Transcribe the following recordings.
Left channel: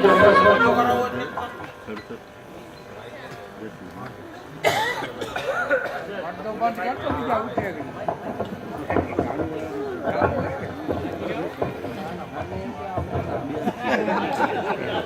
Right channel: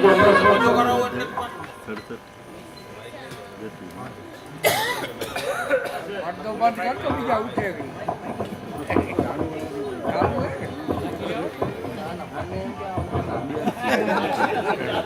બીજો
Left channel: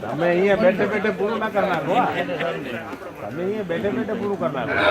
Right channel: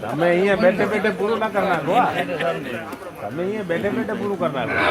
તમે અહીંયા બેઠે બેઠે પૂરું ના કરી નાખો તમે અહીંયા બેઠે બેઠે પૂરું કરી નાખો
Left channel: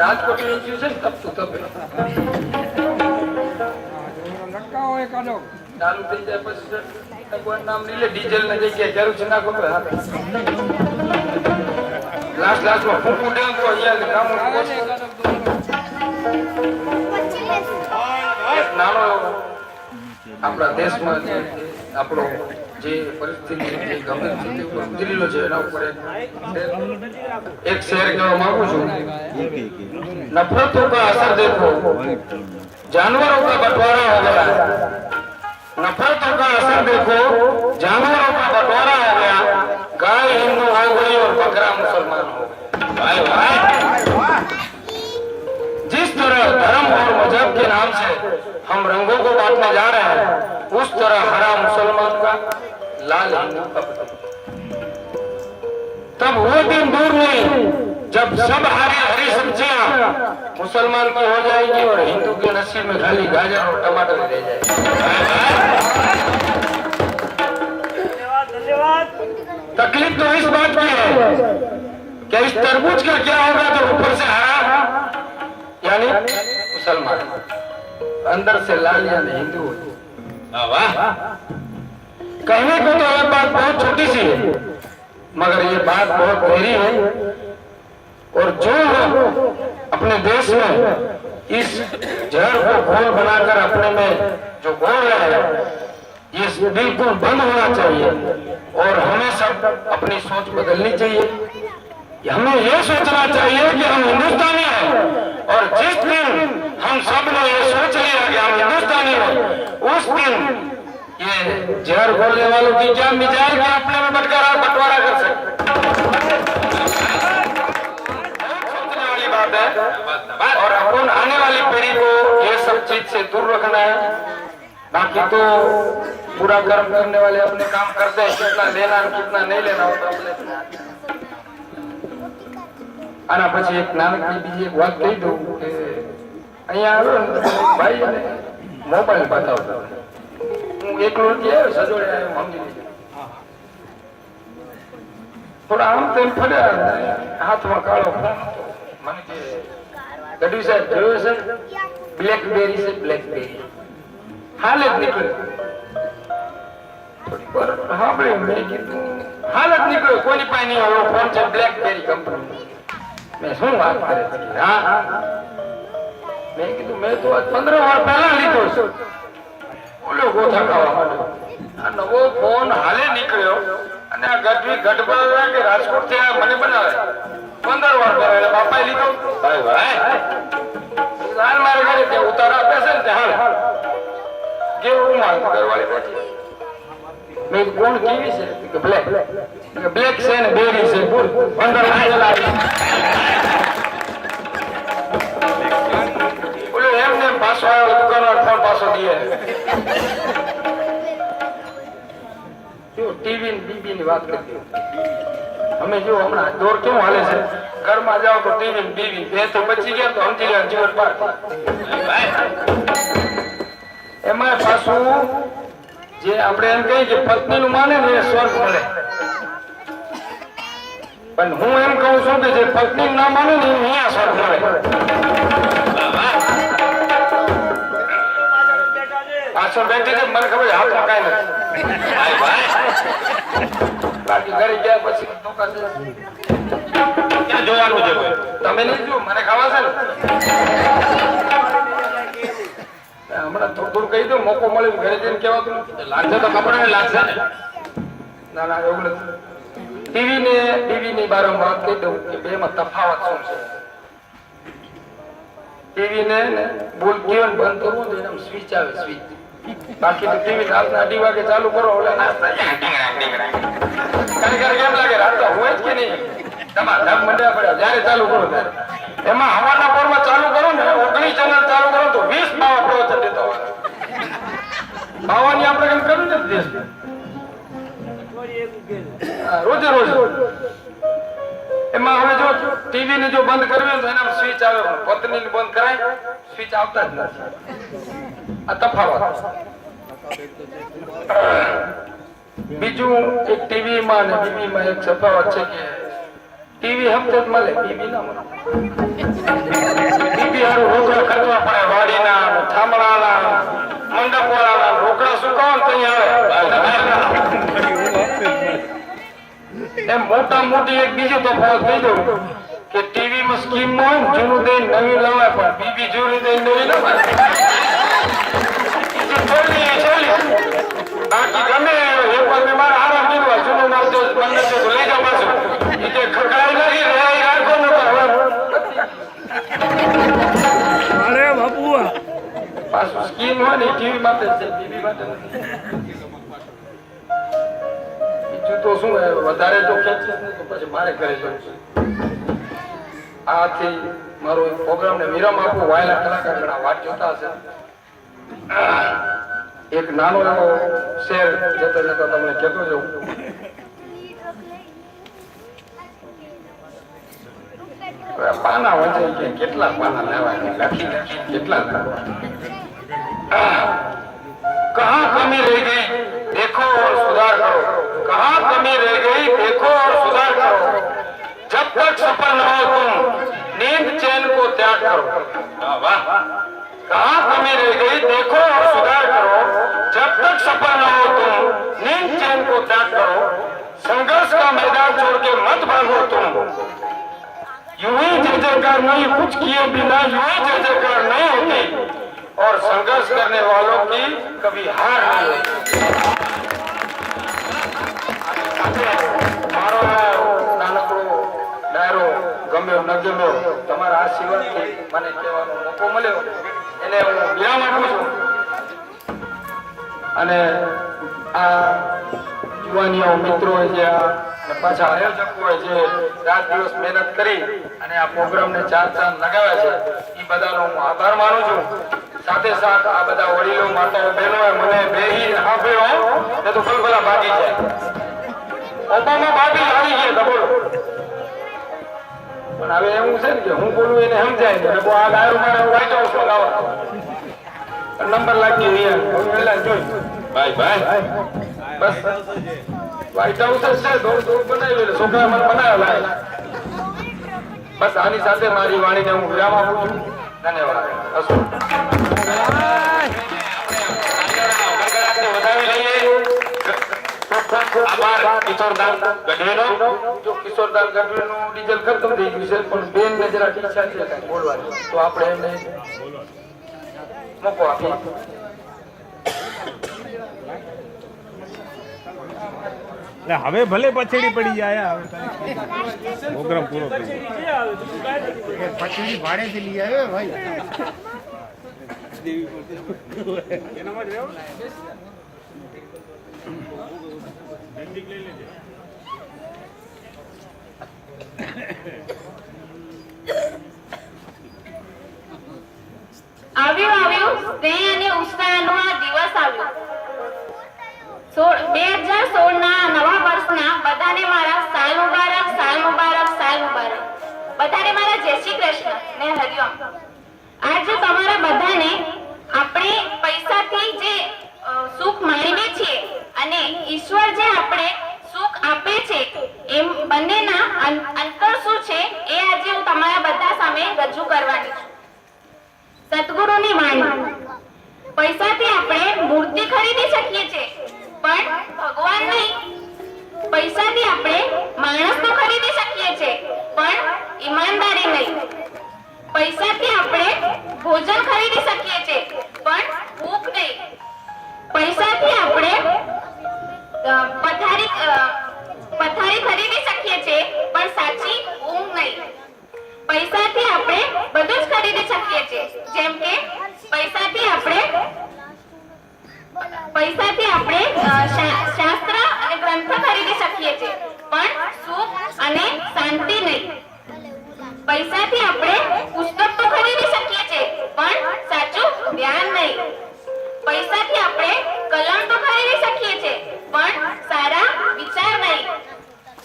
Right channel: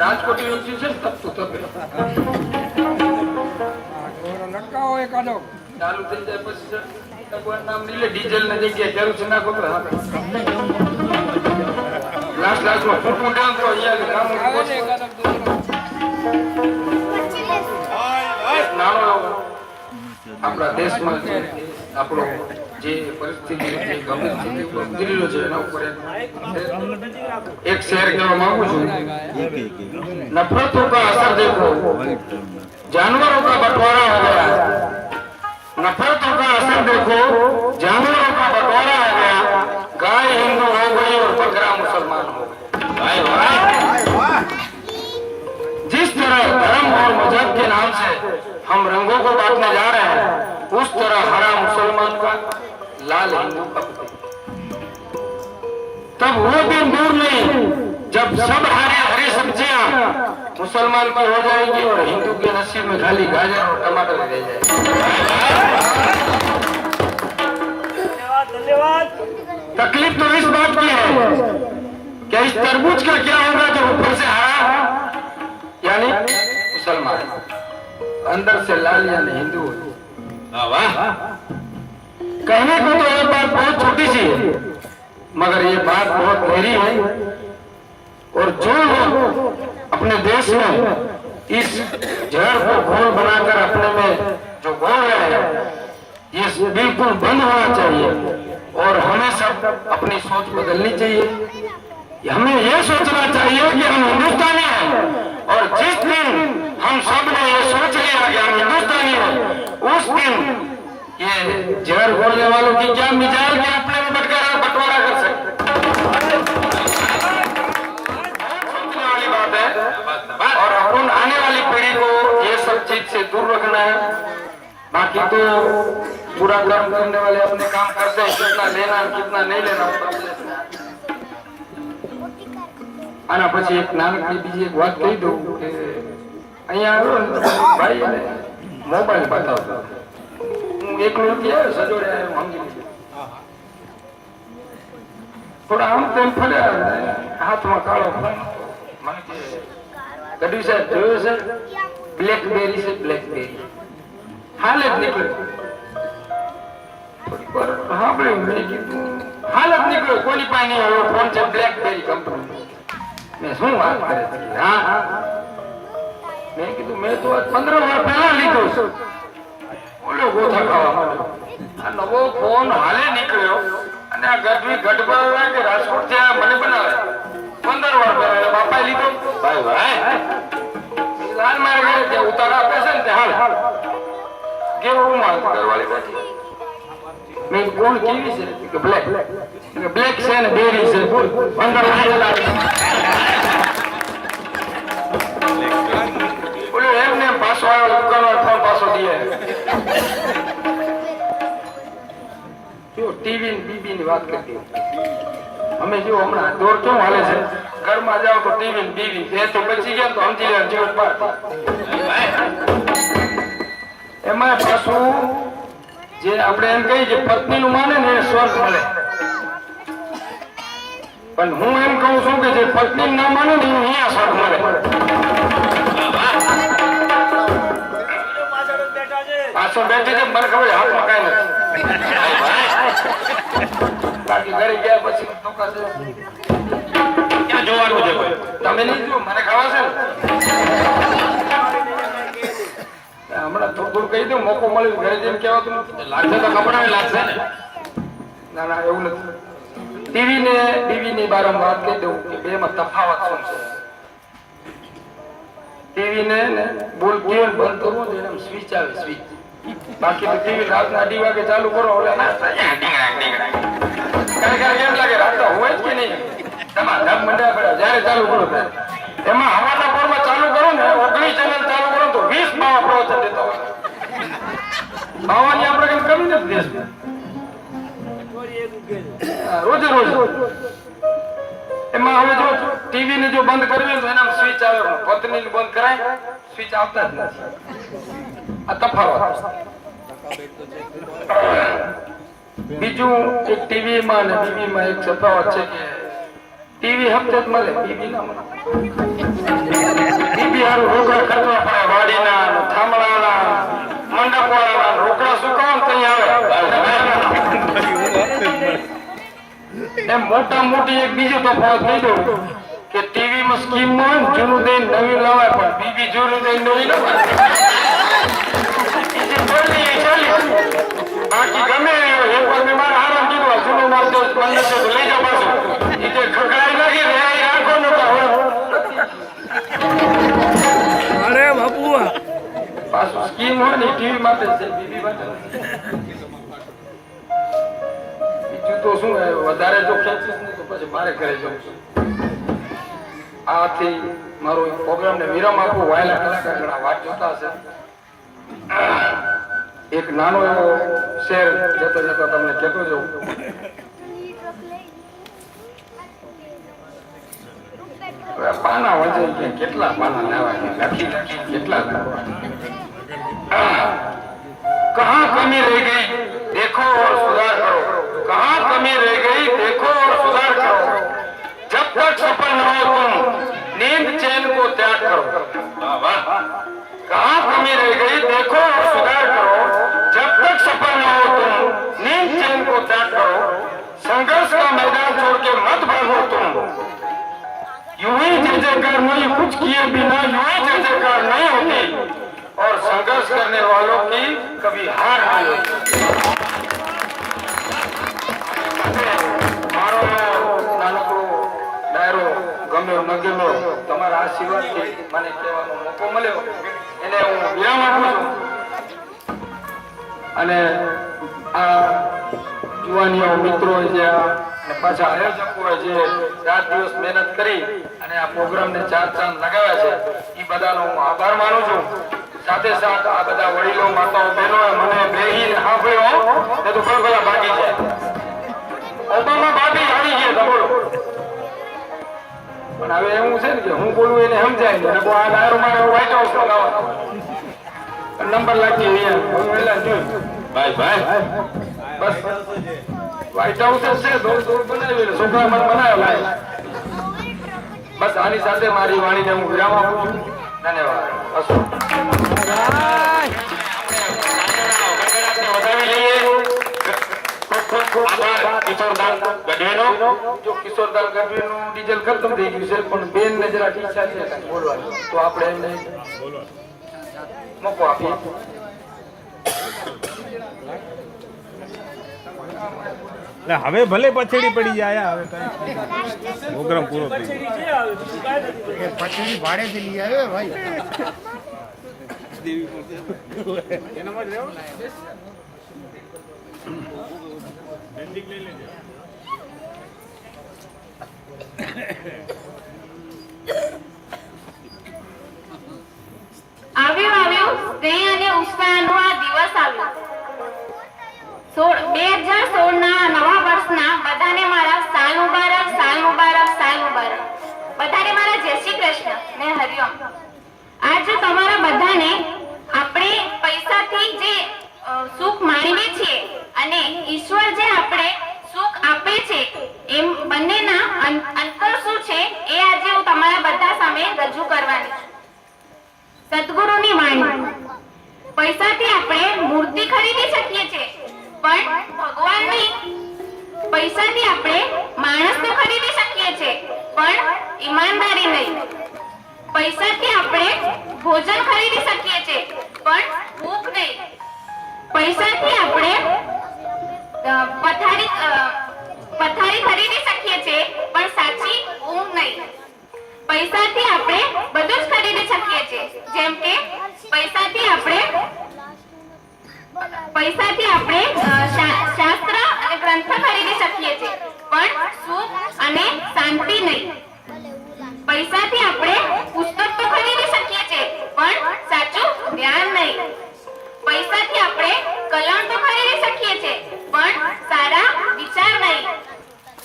રાજકોટ છે ચાલુ થઈ જાય પછી ભગવાન નામ લઈએ ડીઝલ ની જગ્યાએ જરૂર છે નાખો લાસ્ટ લાસ્ટમાં ફટફટ ડાઉન તો નાનો આપણા દેશમાં આપણો જે પરિસ્થિતિ જે ગંભીર સ્થિતિ ઉપર ગુજરેલો છે એના ઉપર એક શેર કહેવા માંગુ છું नफरतों का असर देखो जानवरों का बंटवारा हो गया नफरतों का असर देखो जानवरों का बंटवारा हो गया गाय हिंदू हो गई और बकरा मुसलमान हो गया भाई जिस तरह धर्म और मजहब के नाम से हम रंगों को बांटने जा रहे हैं उस तरह हरा मुसलमान का लाल हिंदू का तब वो दिन दूर नहीं जब सब हरी हरी सब्जियां मुसलमान की हो जाएगी और हिंदू के नसीब में खाली गाजर और टमाटर रह जाएंगे। तकलीफ तो इस बात की है कि इस तरबूज का क्या होगा जो ऊपर से हरा यानी मुसलमान अंदर से लाल यानी हिंदू। वाह कहने को तो यह बात बहुत छोटी सी है मगर ये बात बहुत गहरी है और जो लोग अपने देश में इस जहर को घोल बनाकर अपने में जो घोल है ये बिल्कुल बंद होना चाहिए और हमें सब अपनी सोच बदलनी चाहिए। हमें ये सोचना चाहिए कि हम हिंदुस्तानी हैं और जिस दिन हम सब ने ये सोच लिया कि हम हिंदुस्तानी हैं उस दिन ये जहर घोलने वालों की क्या मिजाज में अपने में बंटवारा कर सकते और अपन आने वाली पीढ़ी को ये सब चीज से दूर रखना है। बाकी तो बुरा कर्म करने वाले अपने काम करते हैं कितना लेना कितना नहीं लेना होता आना પછી એક નાનકડી બીજી એક વાત કહી દઉં કે અહીંયા આવ્યો ને ભાઈ મોબાઈલ બતાવતો હું એકલો નથી આવ્યો સજોડે આવ્યો સમજી થોડા આમ તેમ ફર્યા હાથમાં કાળો ફોન મને કે ગઢવી સાહેબ જોયો છે બ્લેકબેરી છે બ્લેકબેરી હાલ જ નીકળ્યો હા ભાઈ મેં કીધું હાલ જ નીકળ્યો કોની પાસે આવ્યો ફોન છે બ્લેકબેરી કંપની મેં શું વાત કરે હા મેં કીધું મેં તો 15 વાર પહેલા લીધો છે ઓલો ગોથા ખાવા માંડ્યો આ નવો ફોન હાલે નીકળ્યો અને આ ગઢવી ગઢભાઈ કે રાજકોટ થી મને બનાવે 15 વાર પહેલા બાપા લીધો ભાઈ ભાઈ ગાર મારે ઘરે તે ઉતાર આપે છે ને હાલ કેવું માર કરવાલે બેઠી મેં કોણ કેવી છે કે બ્લેક છે ને બેરી છે 15 વાર લાગે બોલે એમને પાછો આવ્યો દુકાનવાળો ફોન પાછો દીએ જો ટીવી બીબી ની વાત કરતી અમે જો હમણાં દોર કેમ હાલે છે ઘરમાં જાવ તો ટીવી બીબી બે તો બચી ગયા તો સમજી લે જીવન પાર એમાં પાછું જે આપણે એમ કહીએ કે પત્ની નું માને ને એ સ્વર્ગ મળે પણ હું એમ કહું છું કે જે પત્ની ના માને ને અહીંયા સ્વર્ગ મળે પાછળ બેઠી છે મને ખબર હાથમાં કઈ નથી બાકી ઘરે ગયા પછી ક્યાં જોવાનું છે તમે નહીં જો મને ખાવા છે ને હમણાં થોડું કહી દઉં મોકો મળ્યો ઘરે જઈને કહેવાતું લાગશે તો ખબર નહીં લાગશે ને ના ના એવું નથી ટીવી ને ટીવી ની બારે વાત કહી દઉં કે બે માં તફાવત શું છે ટીવી ને બોલ કેવન બંધ કરવો તો એના સ્વિચ આવે સ્વિચ બાકી તો ટીવી રાતના 2 વાગે ચાલુ કરો ઓલા નાસ્તા કેમ લાગે રાત હોય જ કે નહીં તમારા મંડ્યા પડે જયારે ચાલુ કરો એમાં હવાના પોરમાં ચાલુ કરો ને 19 ચેનલ ચાલુ કરો તો બાવા પ્રવચન દેતા હોય બાવાની આપણે કામ કર્યું ને દેશમાં રોજે રોજ એમાં હવે જો ટીવી ને જો બંધ કરવી તો એના સ્વિચ આવે પત્ની ને બંધ કરાય સ્વિચ આવતા જ નથી આ તફાવત બીજું એક ટીવી માં અને બીબી માં એક તફાવત છે કે ટીવી હપ્તે જ મળે બીબી ના મળે બીબી હારું રોકડા ખર્ચવા પડે વાડીના થાંભલાના મંડપ વાળાના રોકડા સુકાવ તો આવે એમ મોટા મોટી એક બીજો તફાવત કહી દઉં કે ટીવી માં સ્કીમ માં જૂનું દઈને નવી લાવાય પણ બીબી જૂનું દઈને નવી લાવાય બાકી ગમે એક વાર મેં મારા આરામ કરવા જૂનો માલ તો મને તો લઈ જાવ પાછો એ જે ખકડાઈ લાગી ને એ આખો નતો અરે બાપુ પાછું સ્કીમ હોય ને ટીવી માટે છે બીબી માટે બીજું તો શું વધારે જો ખેંચીશ ને તો પછી મારે ઘરે જવું છું આથી મારો એક પ્રોગ્રામ ને વિરામ આપું વાયલા કલાકાર ઘણા વાત જોતા હશે એક નાનો એવો શેર જતા જતા તમને કહેતો જવું પાના વંચાઈ ગયા કેટલા પાના લેવા લખી કેટલા कहाँ कमी रह गई देखो और सुधार करो कहाँ कमी रह गई देखो और सुधार करो जब तक सफल न हो तुम नींद चैन को त्याग करो कहाँ कमी रह गई देखो और सुधार करो जब तक सफल न हो तुम नींद चैन को त्याग करो संघर्ष का मैदान छोड़ के मत भागो तुम यूं ही जय जयकार नहीं कुछ किए बिना यूं ही जय जयकार नहीं होती और संघर्ष करने वालों की कभी हार नहीं होती मारो नानकड़ो डायरो गम्यो न गम्यो તમારા આશીર્વાદથી મને કહેવાનો મોકો મળ્યો એને હું વિરામ આપું છું અને આ યુવાનીઓ મિત્રો જે અને પાછા આયોજકો જે રાત દિવસ મહેનત કરી અને આ પ્રોગ્રામને ચાર ચાંદ લગાવ્યા છે એ બધાનો હું આભાર માનું છું સાથે સાથ આ બધા વડીલો માતાઓ બહેનો મને બેહી સાંભળ્યો તે તો ખલખલા ભાગી જાય ઓબામા ભાભી આવી ગયા તો બોલો પણ હવે એવું છે ને કે હું બોલું એને સમજાય ને બહુ આ ડાયરો મારે વ્હાઈટ હાઉસ લગાવવાનો નંબર લાગી નહીં હું પેલા જોઈ ભાઈ ભાઈ બસ વ્હાઈટ હાઉસ જ છે દોડ દોડ બનાવેલું છોકરા મને બનાવ્યો બસ આની સાથે મારી વાણીને હું વિરામ આપું છું ધન્યવાદ કિશોરદાન ગઢવીનો જો કિશોરદાન ગઢવીનું ડીઝલ ખતમ થઈ ગયું છે પણ બેન ને જરા ઈચ્છા છે બોલવાની તો આપણે એમને મોકો આપીએ હવે ભલે પછડી પડી જાય હવે પ્રોગ્રામ પૂરો થઈ ગયો પછડી ભાડેથી લઈ આવ્યો ભાઈ આવ્યું સ્નેહ અને ઉત્સાહનો આ દિવસ આવ્યો 2016 ના નવા વર્ષના બધાને મારા સાલ મુબારક સાલ મુબારક સાલ મુબારક બધાને મારા જય શ્રી કૃષ્ણ ને હરિઓમ આજે તમારા બધાને આપણે પૈસાથી જે સુખ માણીએ છીએ અને ઈશ્વર જે આપણે સુખ આપે છે એમ બંનેના અંતર શું છે એ આજે હું તમારા બધા સામે રજૂ કરવાની છું સદગુરુની વાણી પૈસાથી આપણે મૂર્તિ ખરીદી શકીએ છીએ પણ ભગવાન નહીં પૈસાથી આપણે માણસને ખરીદી શકીએ છીએ પણ ઈમાનદારી નહીં પૈસાથી આપણે ભોજન ખરીદી શકીએ છીએ પણ ભૂખ નહીં પૈસાથી આપણે પથારી ખરીદી શકીએ છીએ પણ સાચી ઊંઘ નહીં પૈસાથી આપણે બધું જ ખરીદી શકીએ છીએ જેમ કે પૈસાથી આપણે શાસ્ત્ર અને ગ્રંથ ખરીદી શકીએ છીએ પણ સુખ અને શાંતિ નહીં પૈસાથી આપણે પુસ્તક તો ખરીદી શકીએ છીએ પણ સાચું ધ્યાન નહીં. પૈસાથી આપણે કલમ તો ખરીદી શકીએ છીએ, પણ સારા વિચાર નહીં.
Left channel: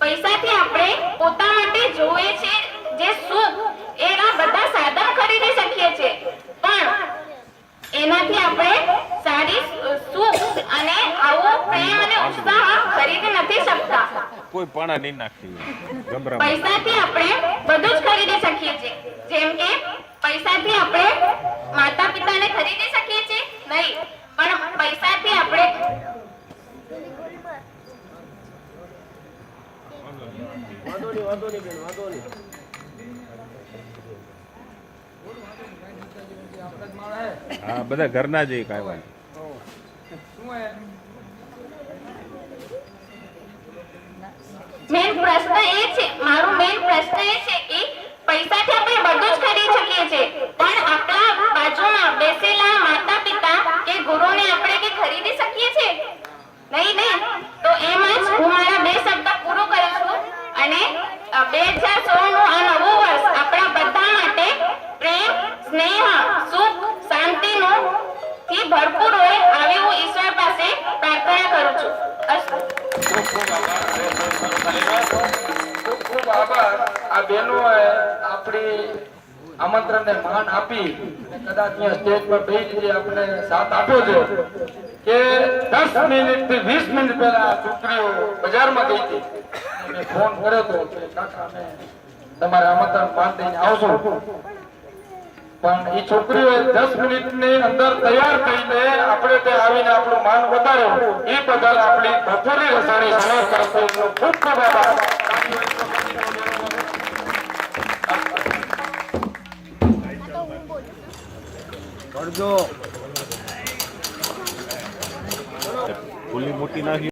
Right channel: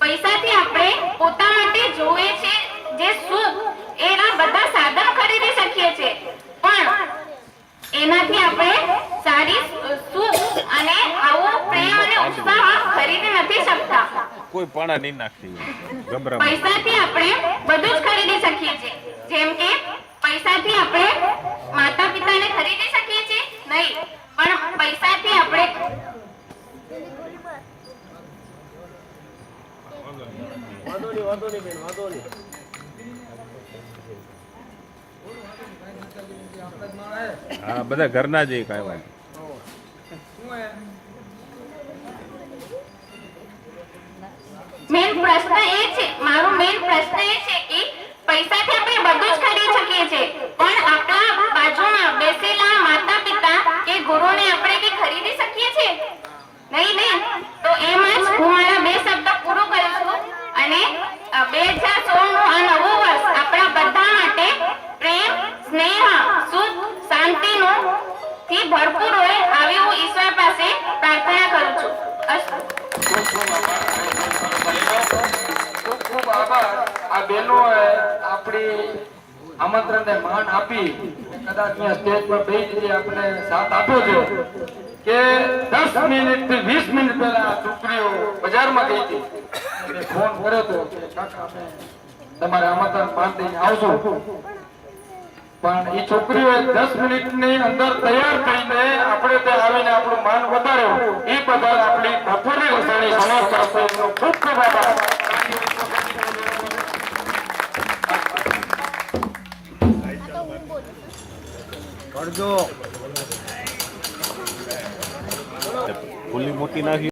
પૈસાથી આપણે પોતા માટે જોઈએ છે જે સુખ, એના બધા સાધન ખરીદી શકીએ છીએ, પણ એનાથી આપણે સારી સુખ અને આવો પ્રેમ અને ઉત્સાહ ખરીદી નથી શકતા. કોઈ પાણા નહીં નાખી ગભરા. પૈસાથી આપણે બધું જ ખરીદી શકીએ છીએ. જેમ કે પૈસાથી આપણે માતા પિતાને ખરીદી શકીએ છીએ નહીં, પણ પૈસાથી આપણે હા બધા ઘરના જ કાંઈ વાત. મેન પ્રશ્ન એ છે, મારો મેન પ્રશ્ન એ છે કે પૈસાથી આપણે બધું જ ખરીદી શકીએ છીએ, પણ આપણા બાજુમાં બેસેલા માતા પિતા કે ગુરુને આપણે બી ખરીદી શકીએ છીએ નહીં? તો એમ જ હું મારા બે શબ્દ પૂરો કરું છું. અને 2016 નું આ નવું વર્ષ આપણા બધા માટે પ્રેમ, સ્નેહ, સુખ, શાંતિનું થી ભરપૂર હોય આવી હું ઈશ્વર પાસે પ્રાર્થના કરું છું. અસ્તુ. ખૂબ ખૂબ આભાર. આ બહેનોએ આપણી આમંત્રણને માન આપી કદાચ મેં સ્ટેજ પર બેસી આપણે સાથ આપ્યો છે કે 10 મિનિટ થી 20 મિનિટ પહેલા આ છોકરીઓ બજારમાં ગઈ હતી. મેં ફોન કર્યો હતો કે કાકા અમે તમારે આમંત્રણ માન દઈને આવશું, પણ એ છોકરીઓએ 10 મિનિટની અંદર તૈયાર થઈને આપણે ત્યાં આવીને આપણું માન વધાર્યો. એ બદલ આપણી બપોરની રસોઈ સમાજ તરફથી ખૂબ ખૂબ આભાર. પડજો ફૂલી મૂકી નાખી.